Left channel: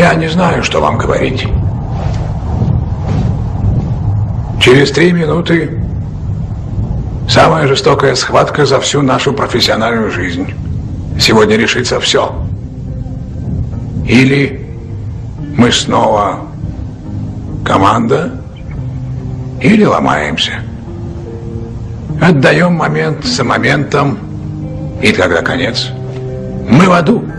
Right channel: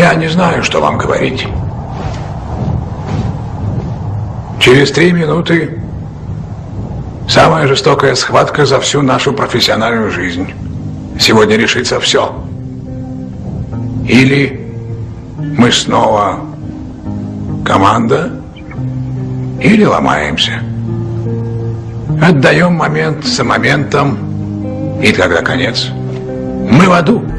Я не знаю, что вам говорить. Через 3 минуты самая жестокая схватка за всю нашу профессиональную жизнь. Сегодня решится все. Или мы снова команда, или ломаемся. Отдаем момент за моментом, и тогда конец. Мы в аду.